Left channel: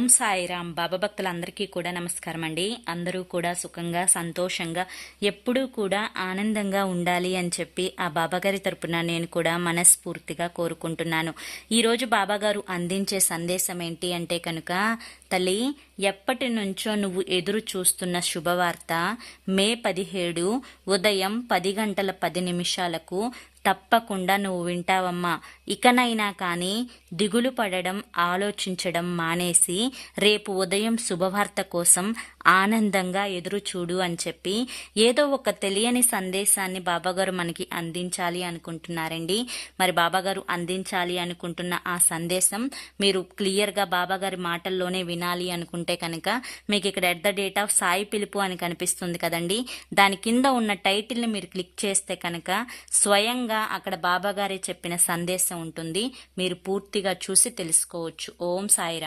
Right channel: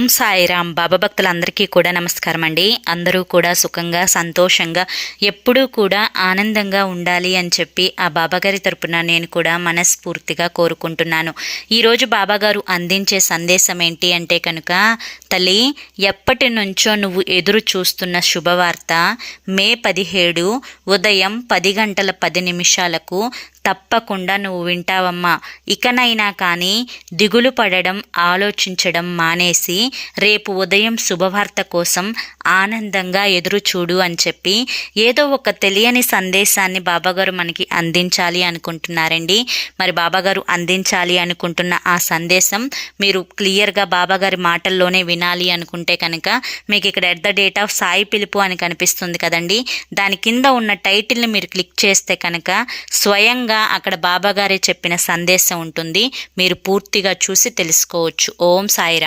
ఓం సాయిరామ్. బాబా భక్తులందరికీ కూడా నమస్కారం అండి. అందరూ కూడా సుఖంగా సంతోషంగా ఎప్పుడూ కూడా ఆనందంగా ఉండాలి అని చెప్పి ఆ బాబాగారి తరపున నేను కూడా మనస్ఫూర్తిగా కోరుకుంటున్నాను. ఈరోజు బాబాగారు అందించే సందేశం ఏంటి అంటే కనుక, తల్లి, ఎప్పటి నుంచో నువ్వు ఎదురు చూస్తున్న శుభవార్త మే 17 ఉదయం 10:10 తప్పకుండా నువ్వు వింటావమ్మా. ఇకనైనా కానీ దిగులు పడడం, ఆలోచించడం మానేసి రేపు ఉదయం శుభవార్త కోసం ఆనందంగా ఎదురు చూడు అని చెప్పి ఏదో ఒక తెలియని సందేశాన్ని బాబాగారు మనకి అందించాలి అనుకుంటున్నారండి. మరి బాబాగారు అందించాలి అనుకుంటున్న ఆ సందేశం మీరు క్లియర్గా బాబాగారి మాటల్లోనే వినాలి అనుకుంటే కనుక మీకు ఇక్కడ at the date of Sai పిలుపు అని కనిపిస్తుంది కదండి, దాని కింద ఉన్న టైటిల్ని మీరు క్లిక్ చేస్తే కనుక స్వయంగా అక్కడ బాబాగారే చెప్పిన సందేశం ఉంటుంది. మీరు పూర్తిగా చూసి తెలుసుకోవచ్చు. ఓం సాయిరామ్.